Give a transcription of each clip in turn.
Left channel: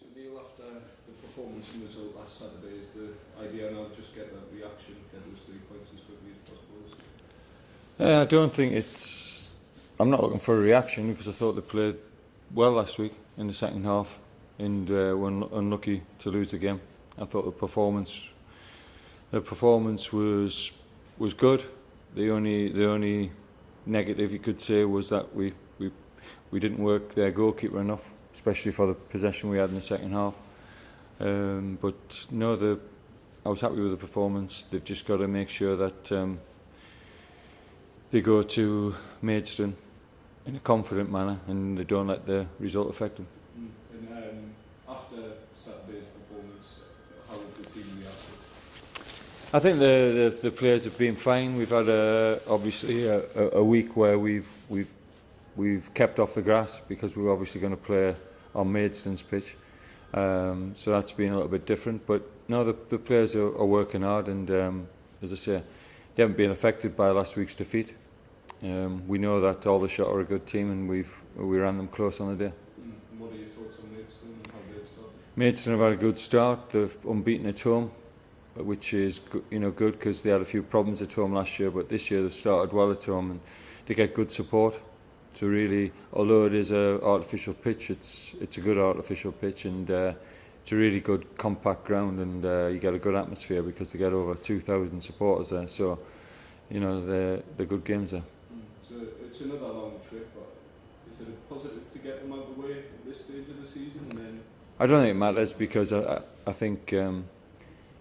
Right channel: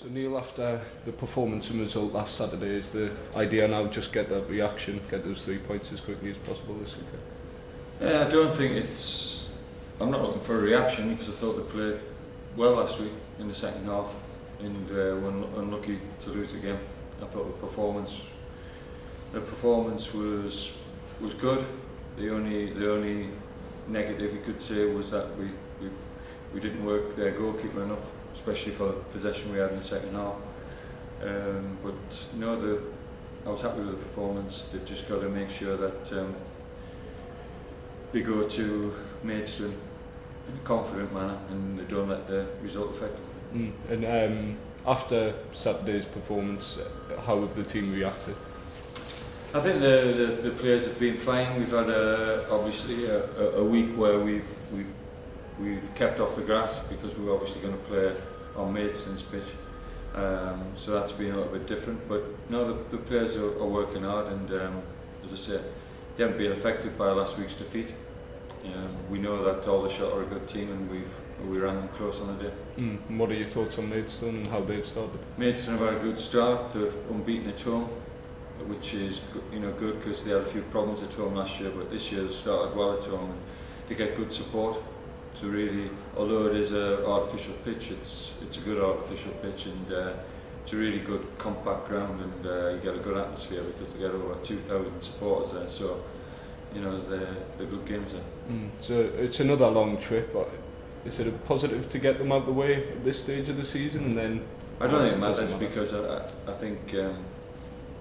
So Neil, after the performance and result last Saturday, is the idea now just get that reaction, get those 3 points as quickly as possible this weekend? I don't think it's... I'm not looking for a reaction because I thought they played well last week in the second half and were unlucky to lose the game. I thought the performance was good. The only negative you could say was that we didn't work their goalkeeper enough, especially for the possession we had in the second half. But no, I was happy with the performance. They've just got to make sure that they go to Maidstone in a confident manner and they don't let the result affect them. And after Saturday's performance, how have the team reacted? I think the players have been fine. We've had obviously a week where we've kept off the grass because we were obviously going to play on Maidstone's pitch. So that's been a little bit different. But no, the players are working hard, and as I say, they haven't been affected by last week's defeat. We know that Aldershot are a good team, and we ran them close on the day. And what are your thoughts on Maidstone and how they've started? Maidstone have had a good start. They're unbeaten at home, which is good because they had a few problems at home last year, but this year they've started well at home and they get good support. So really, although it is an artificial pitch, it's a good artificial pitch, and it's a really good compact ground, and you get a good atmosphere because they get over 2,000 supporters there. So they're good games there. So it's another long trip. Is it a positive to get them out of the way at this stage of the season? And then I don't think it matters because I think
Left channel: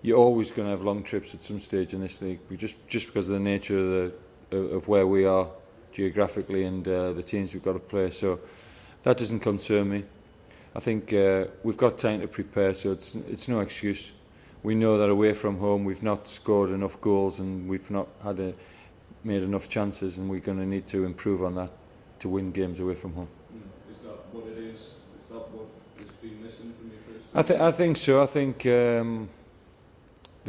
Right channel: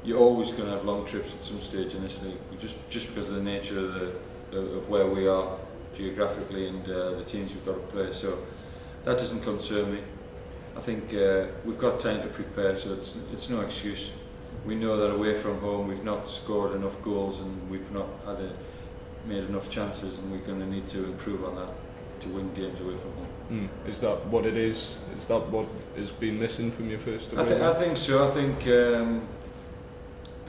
you're always going to have long trips at some stage in this league, just because of the nature of where we are geographically and the teams we've got to play. So that doesn't concern me. I think we've got time to prepare, so it's no excuse. We know that away from home we've not scored enough goals and we've not made enough chances, and we're going to need to improve on that to win games away from home. Is that what it is? Is that what has been missing from your first? I think so. I think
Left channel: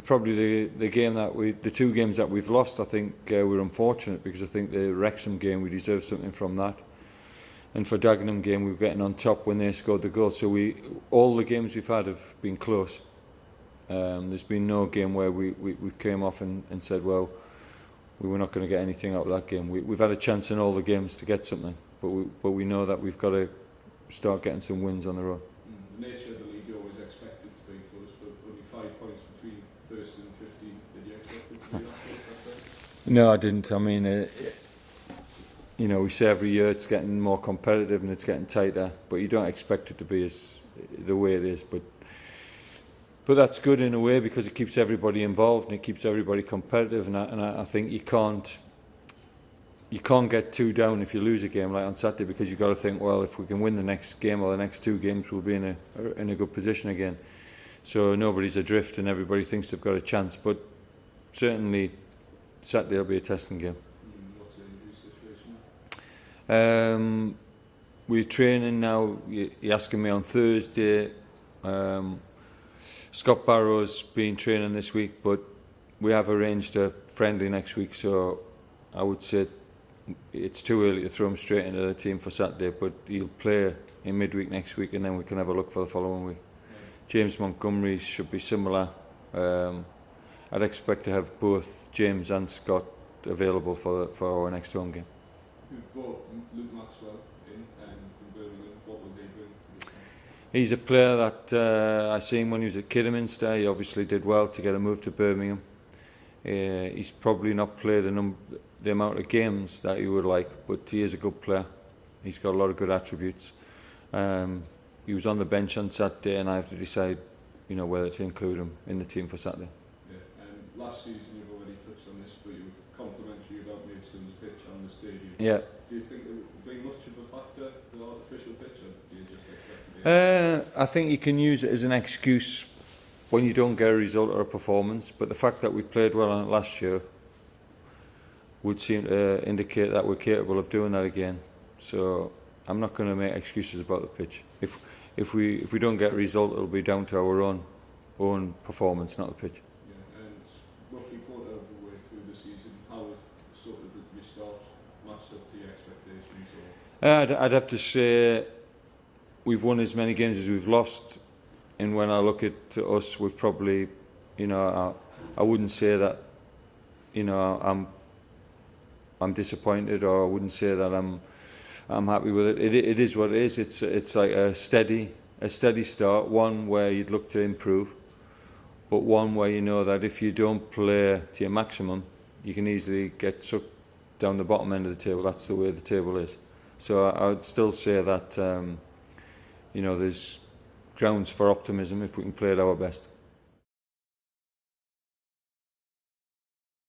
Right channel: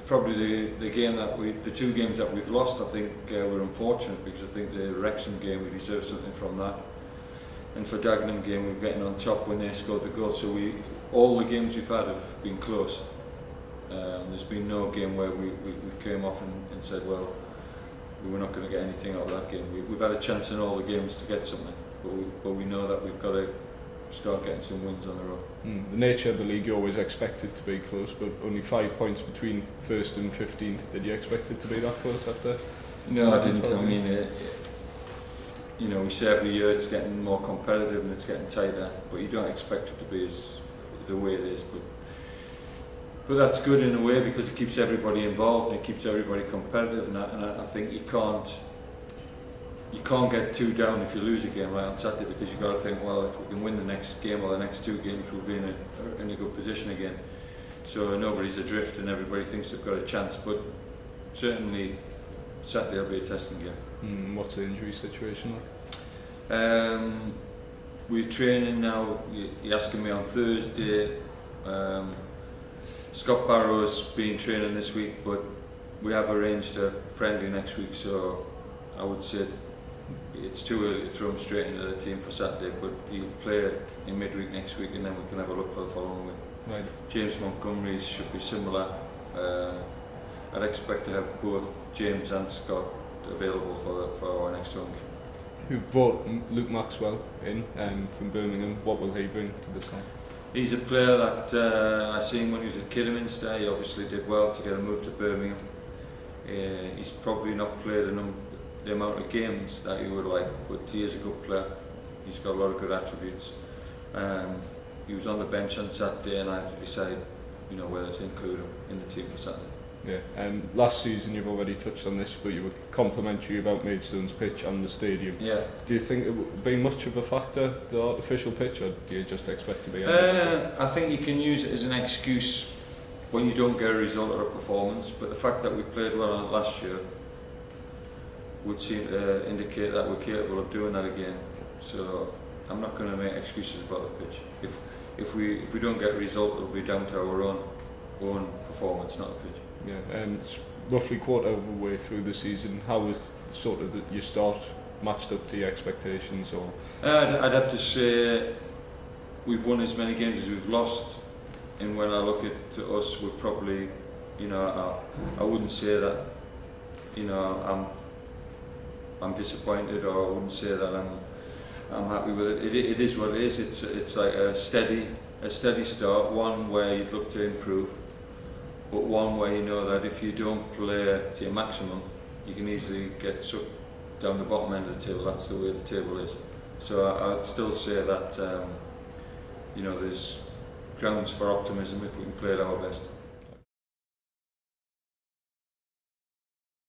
probably the two games that we've lost, I think we're unfortunate because I think the Wrexham game we deserve something from that, and for Dagenham game we're getting on top when they scored the goal. So all the games we've had have been close. There's been no game where we came off and said, well, we were not going to get anything out of that game. We've had a chance in all the games to get something, but we know that we've got to start getting some wins on the road. The nature of the league, you always expect it to be close, but only 5 points between 1st and 15th. Did you expect it to be that close after? No, I didn't. I mean, we say every year it's getting more competitive and it's getting tighter, but you don't expect it to be the way it is. But that's good in a way because it keeps everybody involved and it keeps everybody competitive, and I think you can't get too down if you lose a game like on Saturday, because you've got to think, well, if we can win the next game or the next 2 games, we'll be in a good position again. So nobody's adrift and everybody thinks they've got a chance, but certainly Saturday will be a testing game. What's the injury situation like? We're training now. You're asking me on Thursday. Scott Barrow's been training this week, but we have arranged a friendly next week, so I would say it's too early to throw him straight into the team for Saturday, but he'll play in midweek next week and then we can have a look for the following week. Right. James Montgomery should be similar. I'd expect to have both James and Scott available for our next home game. You've brought Luke Maxwell in from Birmingham. What will he bring to the team? He's a player that I seen when he was at Kidderminster. He obviously did well to get a move to Birmingham. He's probably not played the amount of games that you would like, but he is a good player. He's got a lot of good attributes. He was on the bench on Saturday, and I have to decide, whether to include him in the team for Saturday. Yeah. Last season, you've already touched on this, but you were complimentary about Maidstone's pitch and the stadium. Yeah. Do you think it would be much of a factor, the artificial pitch, or do you just expect to be? I think you can use it as an excuse when you don't get a result or a performance, but the fact that we played well on it last year would seem to indicate that we're capable of doing that again. So I'm not going to make excuses about the pitch. If we don't get a result, it'll be down to our own performance, not the pitch. Yeah, and it's roughly quarter of the way through the season. How was sort of your start matched up to your expectations? Or I'd have to say we've won as many games as we've lost, and when I look at to us, we've probably, you know, I wouldn't say that, you know, I'm disappointed, or I wouldn't say that I'm happy with it. It is what it is. It's like a steady start, one where you'd look to improve, but one where you know that if you don't play to your maximum, you can easily get sucked down the bottom end of the table. That's the way the table is. So I would still say that you know, there's grounds for optimism if we can play at our best.